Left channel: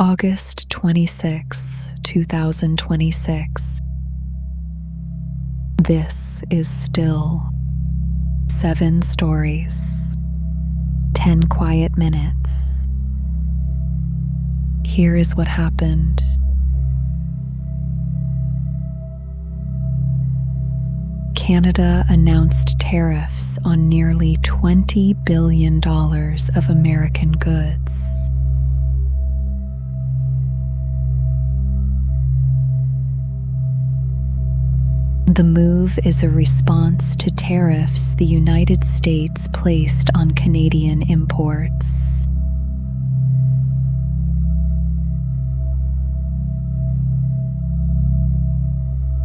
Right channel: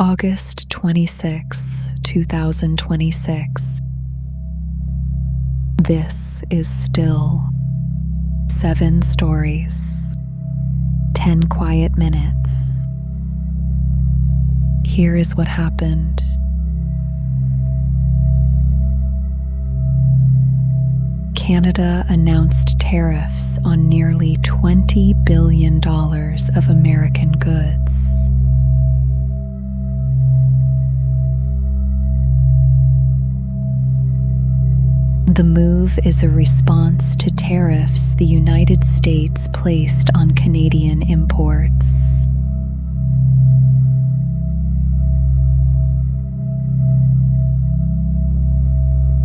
August 26, 2026. This is still 7 stories, 10 quiet minutes. Here is what happened. Canada announced tariffs on nearly $20 billion of American goods. The move is a response to tariffs the United States placed on Canadian imports.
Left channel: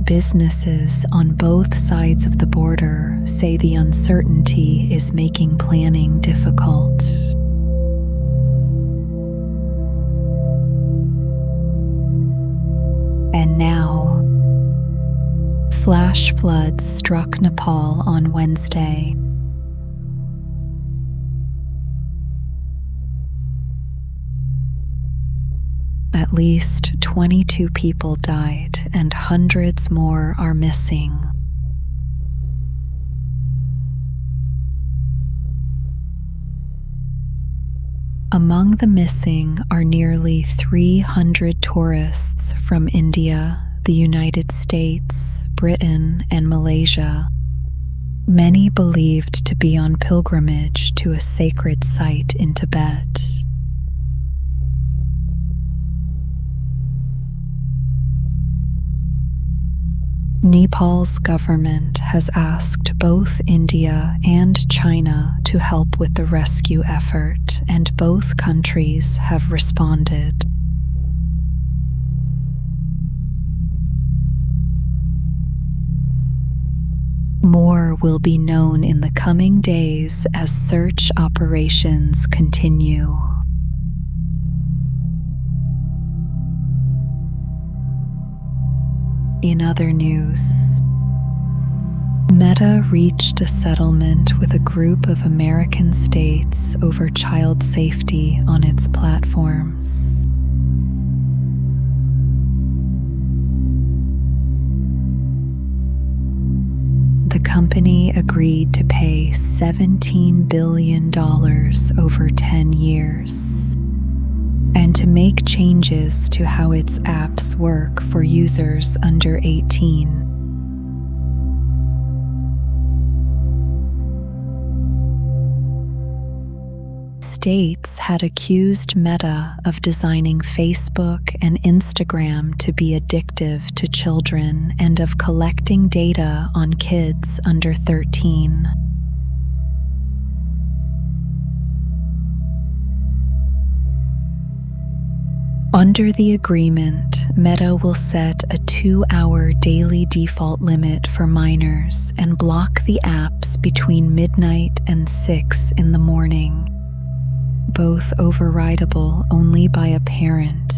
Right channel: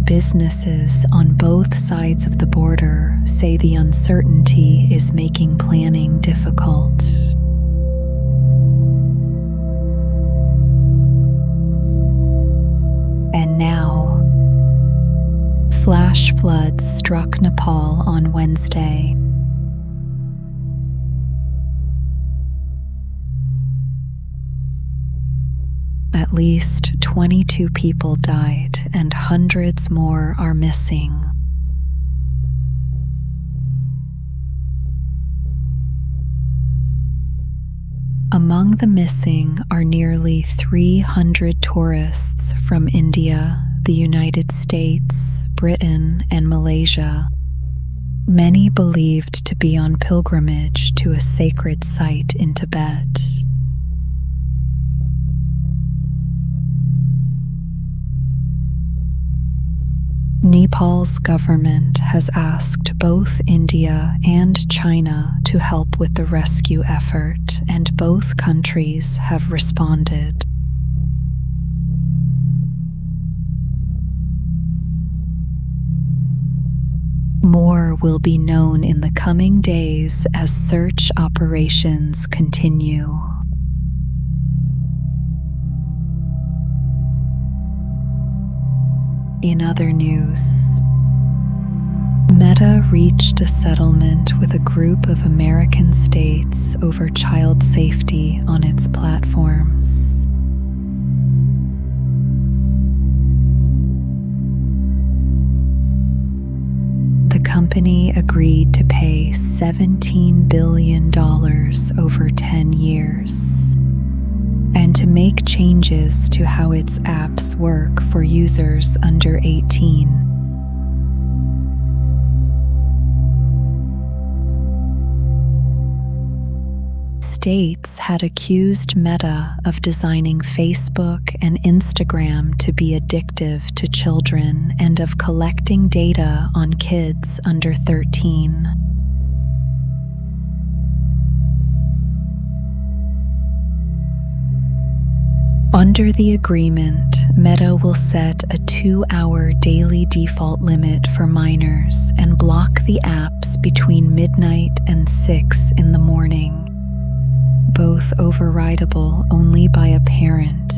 Businesses on both sides of the border say the uncertainty is making planning difficult. And now, flash floods struck Nepal on Wednesday. At least 22 people died and hundreds more are missing. Among the missing are nearly 300 tourists from India, the United States, Britain, and Malaysia, many believed to be on pilgrimage to a sacred site in Tibet. Nepal's government has asked both India and China to help with the rescue effort, and both countries have responded. More will be known in the coming days as search operations continue. In other news, Meta reached a settlement with a group of American states over child safety on its platforms. The company agreed to pay $17 billion over 10 years. And to make changes to how its apps work for users under 18. States had accused Meta of designing Facebook and Instagram to be addictive to children and of collecting data on kids under 13. Under the agreement, Meta will set a 2-hour daily default limit for minors and block the apps between midnight and 6 in the morning, both overridable only by a parent.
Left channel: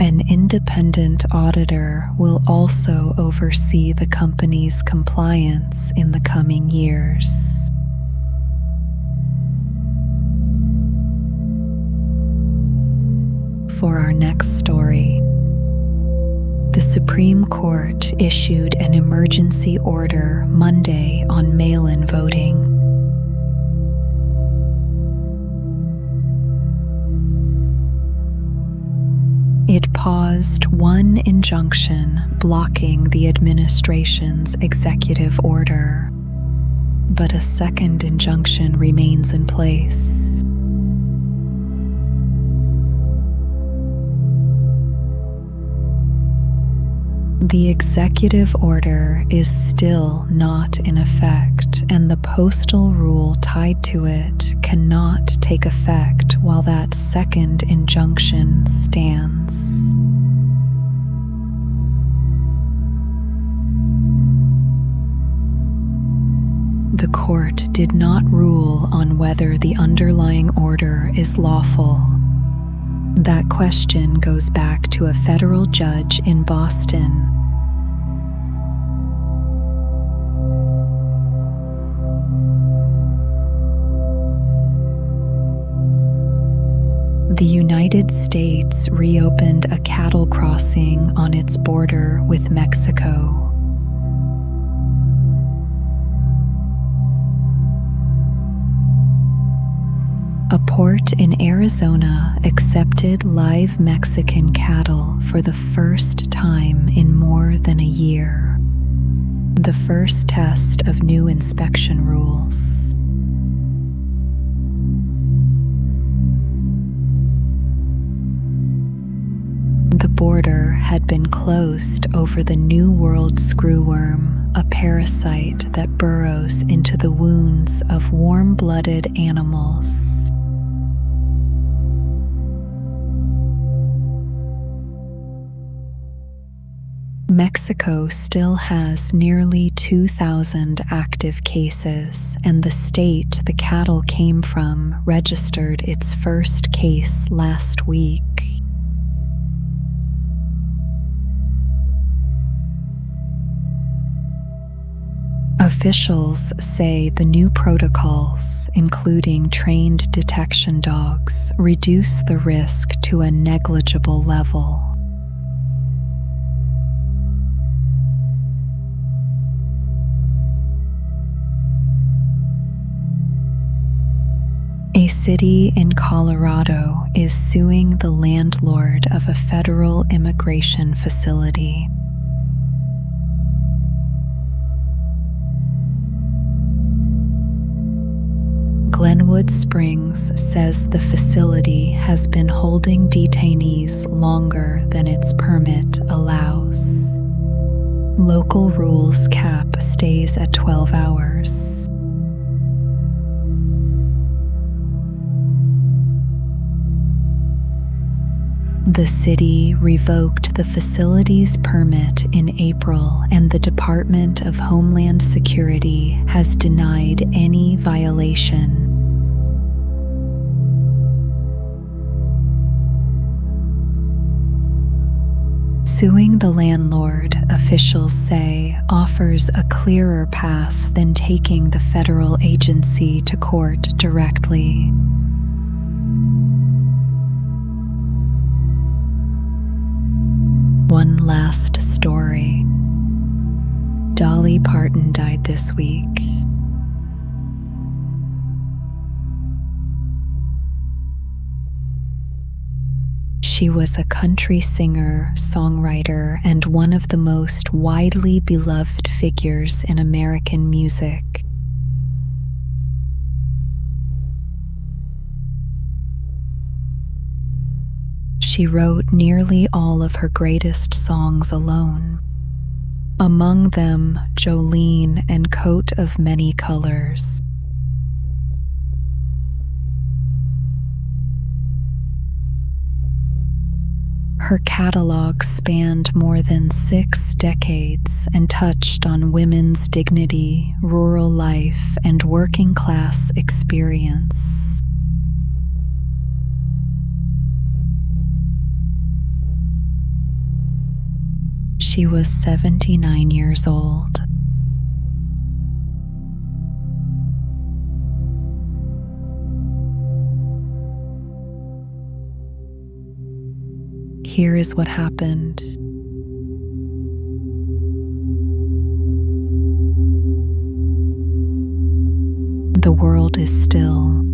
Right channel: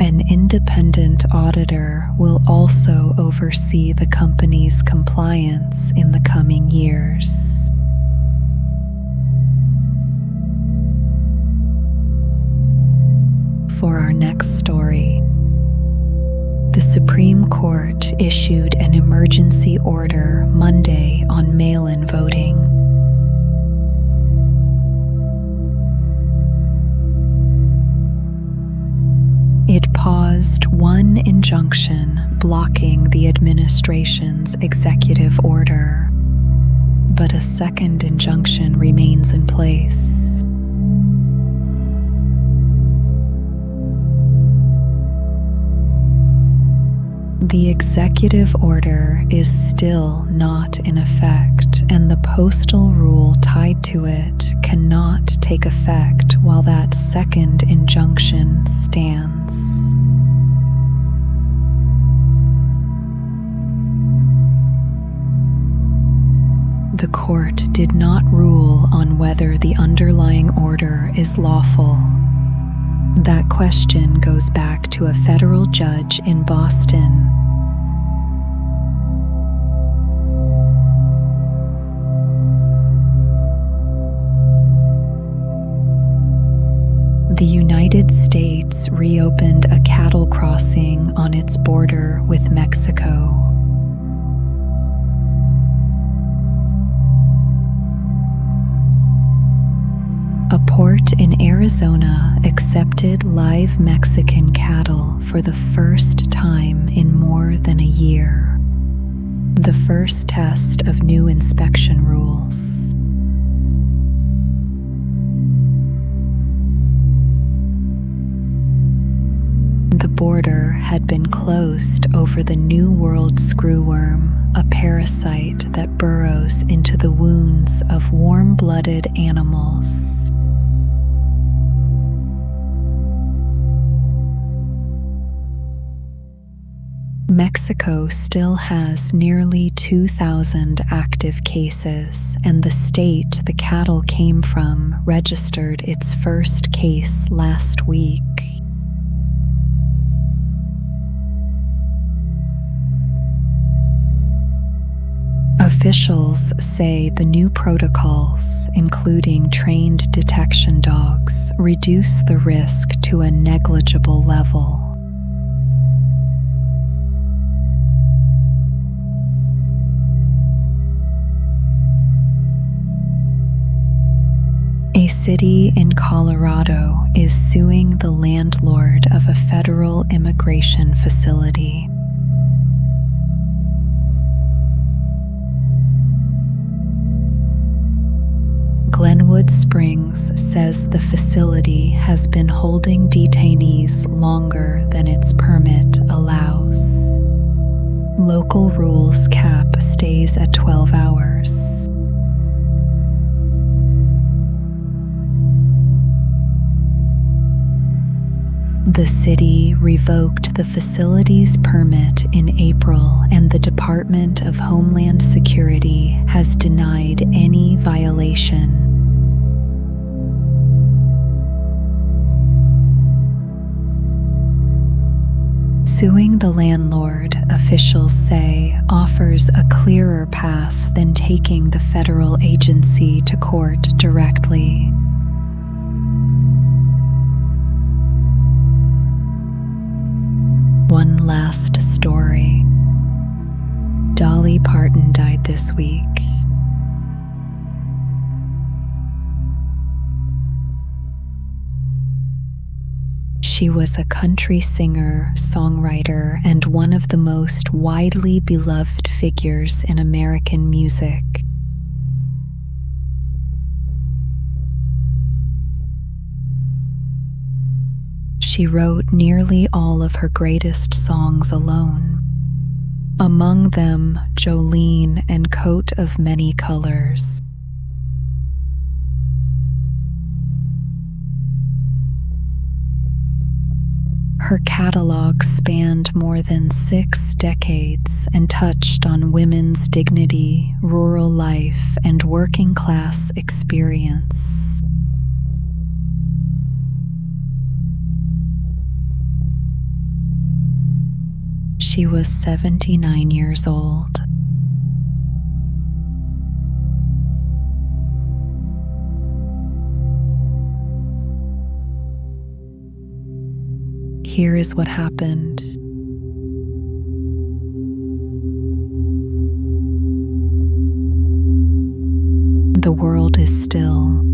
An independent auditor will also oversee the company's compliance in the coming years. For our next story, the Supreme Court issued an emergency order Monday on mail-in voting. It paused one injunction blocking the administration's executive order, but a second injunction remains in place. The executive order is still not in effect, and the postal rule tied to it cannot take effect while that second injunction stands. The court did not rule on whether the underlying order is lawful. That question goes back to a federal judge in Boston. The United States reopened a cattle crossing on its border with Mexico. A port in Arizona accepted live Mexican cattle for the first time in more than a year. The first test of new inspection rules. The border had been closed over the New World screwworm, a parasite that burrows into the wounds of warm-blooded animals. Mexico still has nearly 2,000 active cases, and the state the cattle came from registered its first case last week. Officials say the new protocols, including trained detection dogs, reduce the risk to a negligible level. A city in Colorado is suing the landlord of a federal immigration facility. Glenwood Springs says the facility has been holding detainees longer than its permit allows. Local rules cap stays at 12 hours. The city revoked the facility's permit in April, and the Department of Homeland Security has denied any violation. Suing the landlord, officials say, offers a clearer path than taking the federal agency to court directly. One last story. Dolly Parton died this week. She was a country singer, songwriter, and one of the most widely beloved figures in American music. She wrote nearly all of her greatest songs alone. Among them, Jolene and Coat of Many Colors. Her catalog spanned more than 6 decades and touched on women's dignity, rural life, and working class experience. She was 79 years old. Here is what happened. The world is still.